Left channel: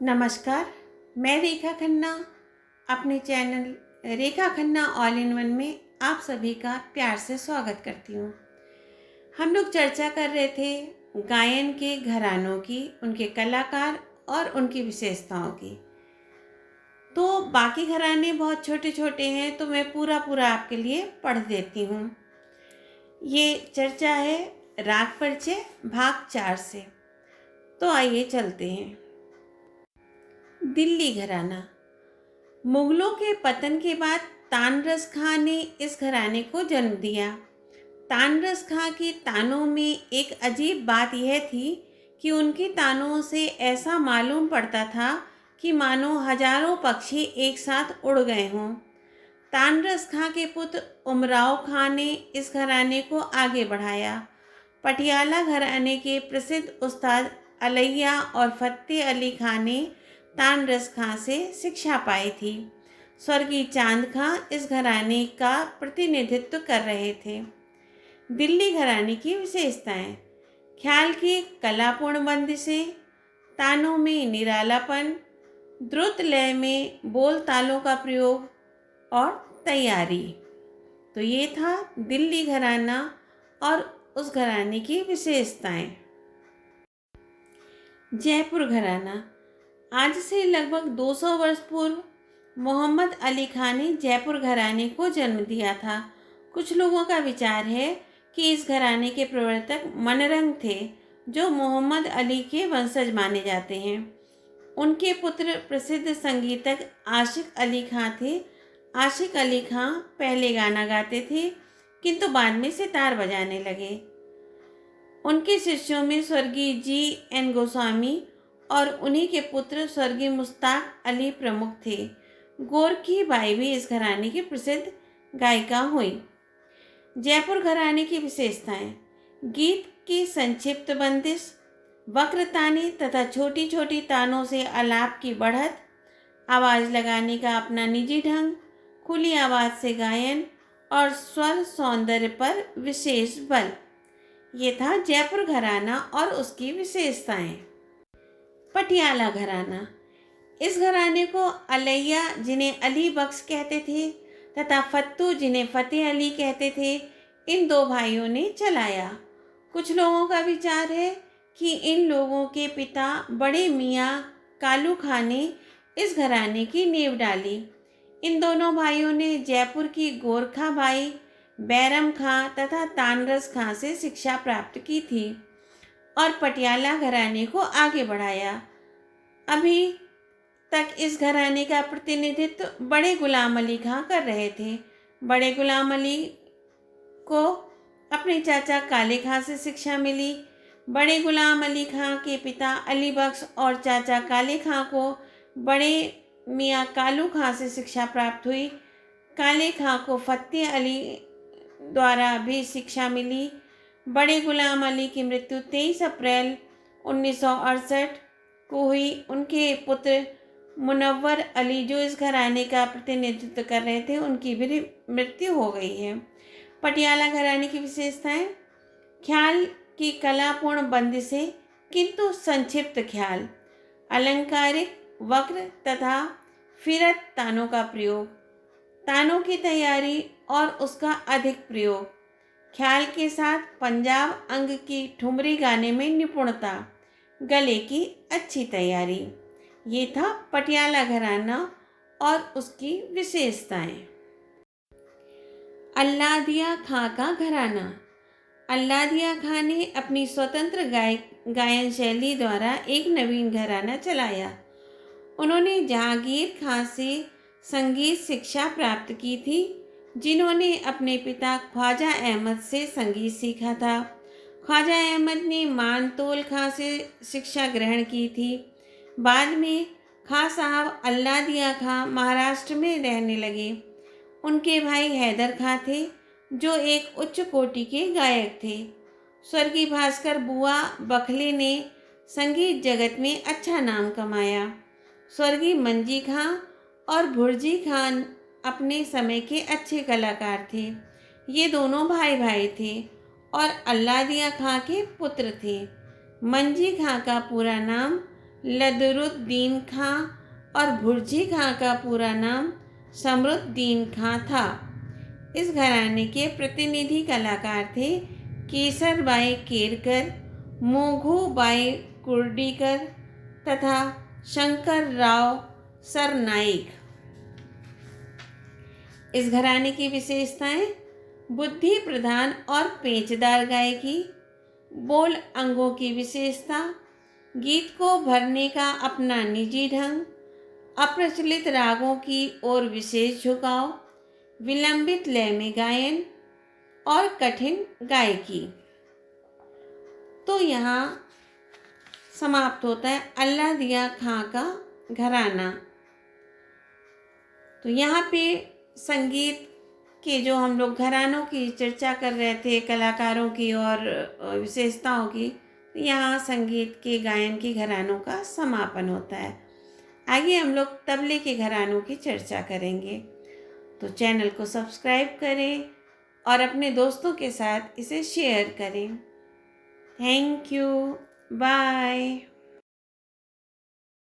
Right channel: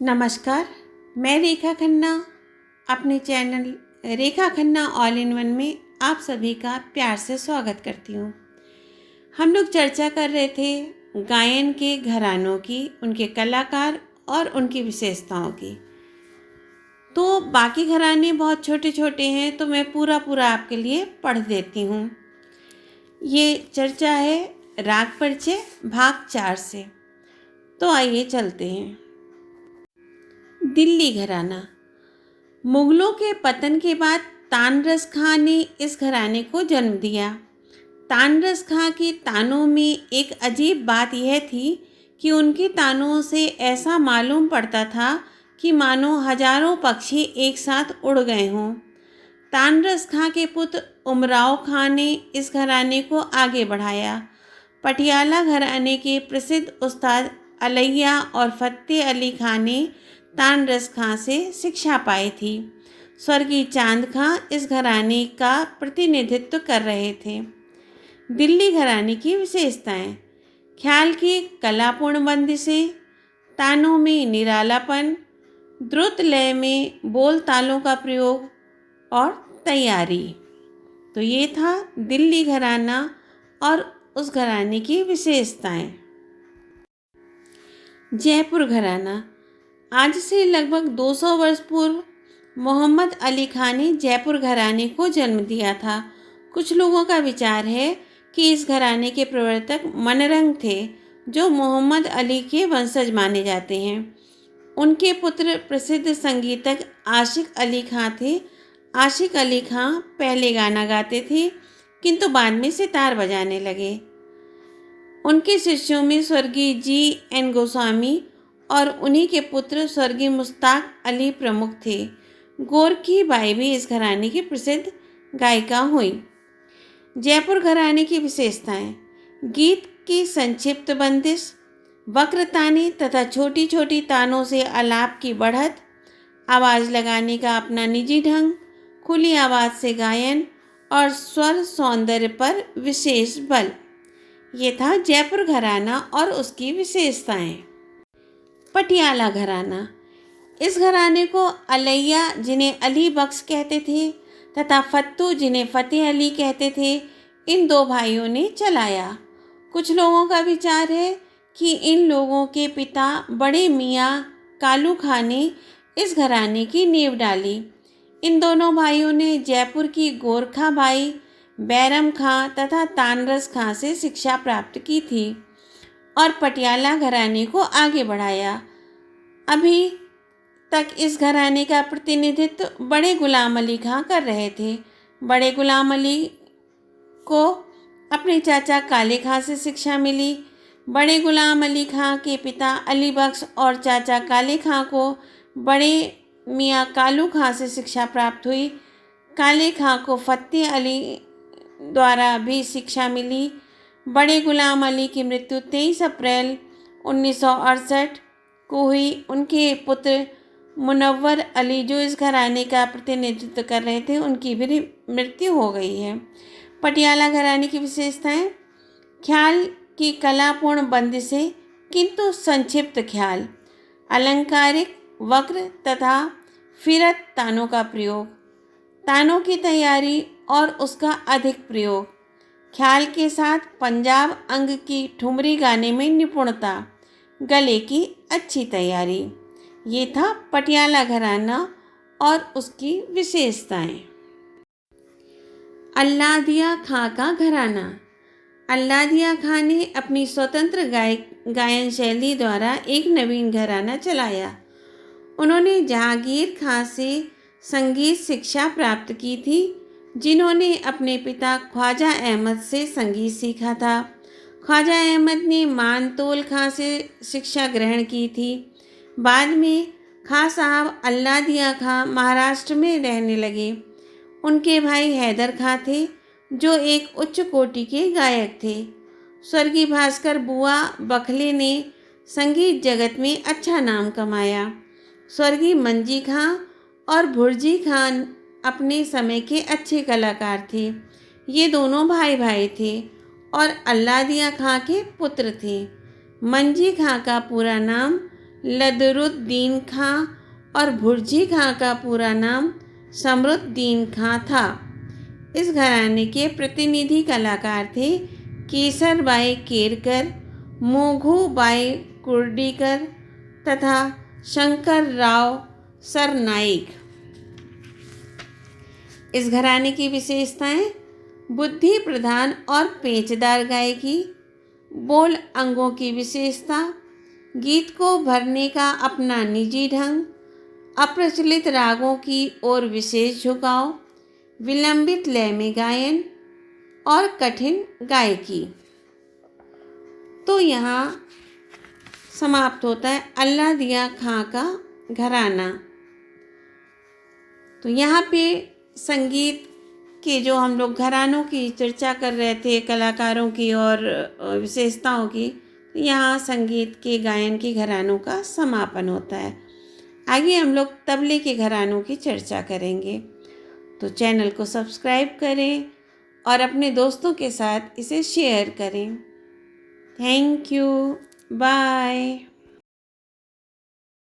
नमस्कार। मैं रेखा खन्ना अपने channel Rekha Khanna all in one में आप सभी का प्यार से स्वागत करती हूँ। हम लोग चर्चा कर रहे थे गायन के घरानों की, उनके कलाकार और उनकी विशेषताओं की। तो बाकी घराने बहुत छोटे छोटे हैं, तो मैं पूरा आपके लिए पढ़ देती हूँ। ये चर्चा है राग परिचय भाग 4 से। तो आइए चलते हैं। दिल्ली घराना। मुगलों के पतन के बाद तानरस खां ने इस घराने को जन्म दिया। तानरस खां के तानों में एक अजीब बात यह थी कि उनके तानों से ऐसा मालूम पड़ता था कि मानो हजारों पक्षी एक साथ उड़ गए हों। तानरस खां के पुत्र उमराव खां ने इस घराने को आगे बढ़ाया। पटियाला घराने के प्रसिद्ध उस्ताद अलैया और फतेह अली खां ने तानरस खां से शिक्षा पाई थी। स्वर्गीय चांद खां इस घराने का प्रतिनिधित्व कर रहे थे। दिल्ली घराने की विशेषताएं: ख्याल की कलापूर्ण बंदिशें, तानों में निरालापन, द्रुत लय में बोल तालों का प्रयोग और तैयारी। तो ये था दिल्ली घराना और उस घराने की विशेषताएं। जयपुर घराना। आज से लगभग 200 वर्ष पूर्व मोहम्मद अली खां ने जयपुर घराने को जन्म दिया था। कुछ लोगों का विचार है कि इस घराने के प्रवर्तक मनरंग थे, जो मोहम्मद अली के वंशज माने जाते हैं। उनके पुत्र प्रसिद्ध संगीतक आशिक अली खां थे। आशिक अली खां पहले गाना गाते थे, किंतु बाद में सितार बजाने लगे। उनके शिष्यों में स्वर्गीय G.N. गोस्वामी और उन्हीं के पुत्र स्वर्गीय मुश्ताक अली प्रमुख थे। गोरखी बाई भी इस घराने की प्रसिद्ध गायिका हुई। जयपुर घराने की विशेषताएं: गीत की संक्षिप्त बंदिश, वक्र ताने तथा छोटी छोटी तानों से आलाप की बढ़त, आवाज़ लगाने का अपना निजी ढंग, खुली आवाज़ से गायन और स्वर सौंदर्य पर विशेष बल। ये था जयपुर घराना और उसकी विशेषताएं। पटियाला घराना। इस घराने को अलैया, जिन्हें अली बख्श कहते थे, तथा फत्तू, जिन्हें फतेह अली कहते थे, इन दो भाइयों ने चलाया। कुछ लोगों का विचार है कि इन लोगों के पिता बड़े मियाँ कालू खां ने इस घराने की नींव डाली। इन दोनों भाइयों ने जयपुर की गोरखा बाई, बैरम खां तथा तानरस खां से शिक्षा प्राप्त की थी और पटियाला घराने को आगे बढ़ाया। अभी तक इस घराने का प्रतिनिधित्व बड़े गुलाम अली खां कर रहे थे। बड़े गुलाम अली को अपने चाचा काले खां से शिक्षा मिली। बड़े गुलाम अली खां के पिता अली बख्श और चाचा काले खां को बड़े मियाँ कालू खां से शिक्षा प्राप्त हुई। काले खां को फतेह अली द्वारा भी शिक्षा मिली। बड़े गुलाम अली की मृत्यु 23 अप्रैल 1968 को हुई। उनके पुत्र मुनव्वर अली, जो इस घराने का प्रतिनिधित्व कर रहे थे, उनकी भी मृत्यु हो गई है। पटियाला घराने की विशेषताएं: ख्याल की कलापूर्ण बंदिशें किंतु संक्षिप्त ख्याल, अलंकारिक वक्र तथा फिरत तानों का प्रयोग, तानों की तैयारी और उसका अधिक प्रयोग, ख्याल के साथ पंजाब अंग की ठुमरी गाने में निपुणता, गले की अच्छी तैयारी। ये था पटियाला घराना और उसकी विशेषताएं। अल्लादिया खां का घराना। अल्लादिया खां ने अपनी स्वतंत्र गायन शैली द्वारा एक नवीन घराना चलाया। उन्होंने जहांगीर खां से संगीत शिक्षा प्राप्त की थी, जिन्होंने अपने पिता ख्वाजा अहमद से संगीत सीखा था। ख्वाजा अहमद ने मानतोल खां से शिक्षा ग्रहण की थी। बाद में खां साहब अल्लादिया खां महाराष्ट्र में रहने लगे। उनके भाई हैदर खां थे, जो एक उच्च कोटि के गायक थे। स्वर्गीय भास्कर बुआ बखले ने संगीत जगत में अच्छा नाम कमाया। स्वर्गीय मंजी खां और भुर्जी खान अपने समय के अच्छे कलाकार थे। ये दोनों भाई भाई थे और अल्लादिया खां के पुत्र थे। मंजी खां का पूरा नाम लदरुद्दीन खां और भुर्जी खां का पूरा नाम समरुद्दीन खां था। इस घराने के प्रतिनिधि कलाकार थे केसरबाई केरकर, मोघूबाई कुर्डीकर तथा शंकरराव सरनाईक। इस घराने की विशेषताएं: बुद्धि प्रधान और पेचदार गायकी, बोल अंगों की विशेषता, गीत को भरने का अपना निजी ढंग, अप्रचलित रागों की ओर विशेष झुकाव, विलंबित लय में गायन और कठिन गायकी। तो यहाँ समाप्त होता है अल्लाह दिया खां का घराना। तो यहाँ पे संगीत के जो हम लोग घरानों की चर्चा कर रहे थे, कलाकारों की और विशेषताओं की, यहाँ संगीत के गायन के घरानों का समापन होता है। आगे हम लोग तबले के घरानों की चर्चा करेंगे। तो चैनल को सब्सक्राइब करें और अपने दोस्तों के साथ इसे शेयर करें। Thank you. बाय।